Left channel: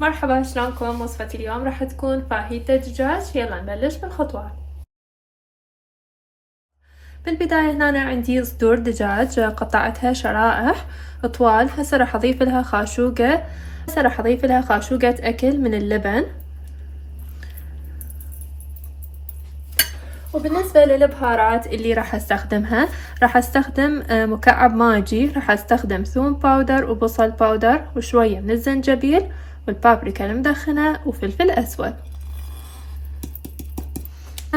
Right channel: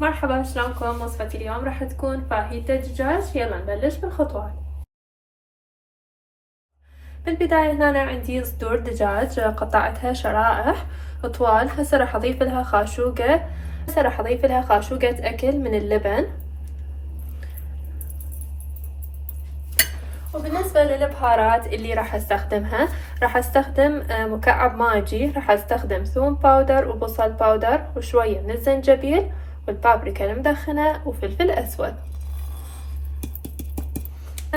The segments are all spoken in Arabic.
مرحبا، شلونكم؟ وصفتي اليوم راح تكون فاهيتا دجاج. يلا نبلش بالخطوات. بالبداية هنا عندي صدور دجاج قطعتها شرائح طوال. هسه راح اضيف لها خاشوقة اكل من اللبن. وبالنسبة للبهارات اللي راح استخدمها، راح استخدم مكعب ماجي، راح استخدم ثوم باودر وبصل باودر وشوية من الزنجبيل والبابريكا المدخنة وفلفل اسود.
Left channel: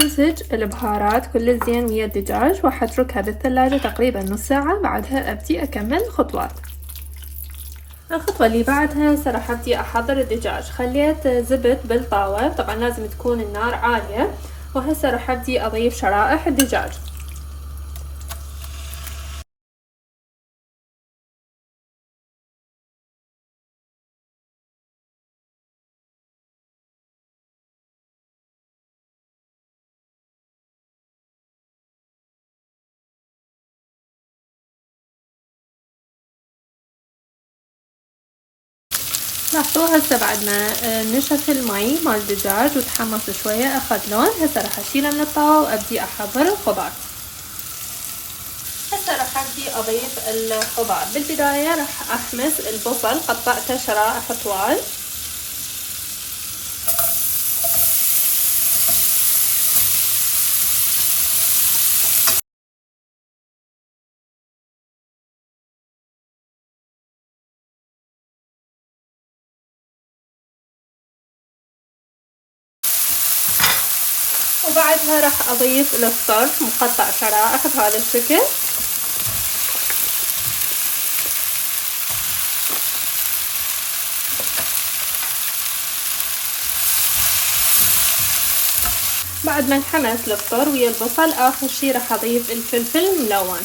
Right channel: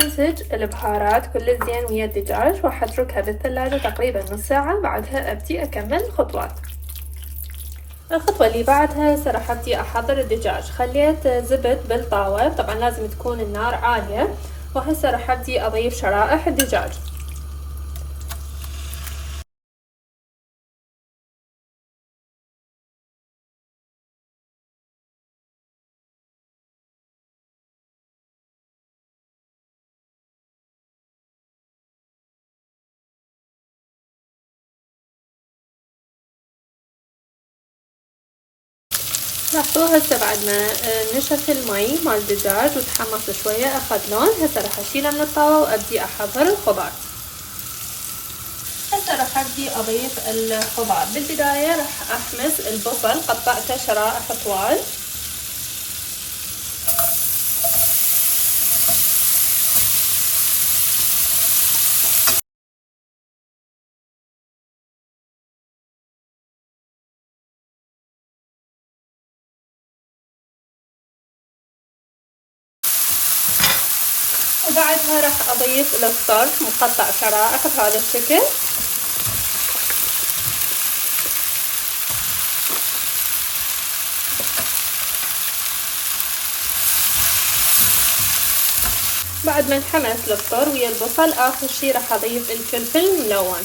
امزج البهارات كل زين ويا الدجاج وحتركها بالثلاجة تقريبا نص ساعة. بعدها ابدي اكمل الخطوات. الخطوة اللي بعدها راح ابدي احضر الدجاج. خليت زبد بالطاوة، طبعا لازم تكون النار عالية. وهسه راح ابدي اضيف شرائح الدجاج. لاحظوا هسه بعد ما نشف المي مال الدجاج وتحمص شوية اخذ لون. هسه راح اشيله من الطاوة وابدي احضر الخضار. هسه راح ابدي اضيف الخضار. بالبداية راح احمص البصل، قطعته شرائح طوال. وبعدها راح اضيف الصرف مقطع شرائح بهذا الشكل. بعد ما انحمس الفطر ويا البصل، اخر شي راح اضيف الفلفل الملون.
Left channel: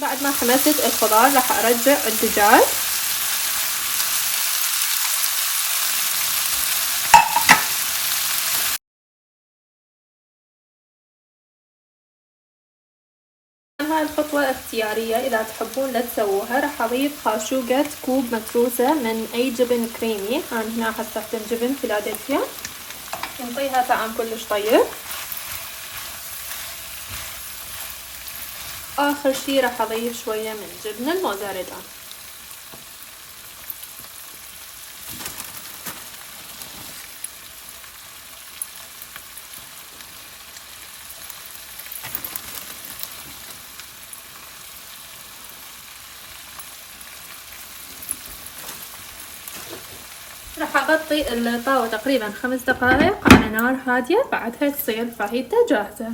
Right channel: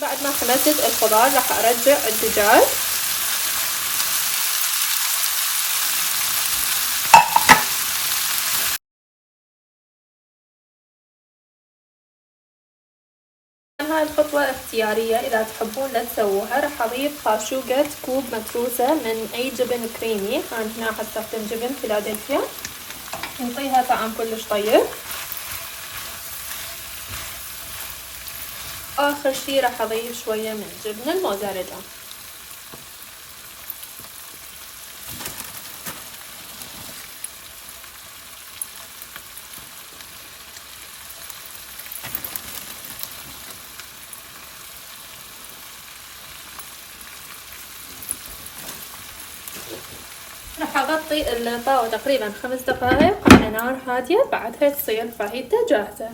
بعد ما حمست الخضار راح ارجع الدجاج. هاي الخطوة اختيارية، اذا تحبون لا تسووها. راح اضيف خاشوقة كوب متروسة من اي جبن كريمي. انا هنا حستخدم جبن فيلادلفيا، نعطيها طعم كلش طيب. اخر شي راح اضيف شوية من جبن الموزاريلا. راح اغطي الطاوة تقريبا 5 دقائق على نار هادية. بعدها تصير فاهيتا جاهزة.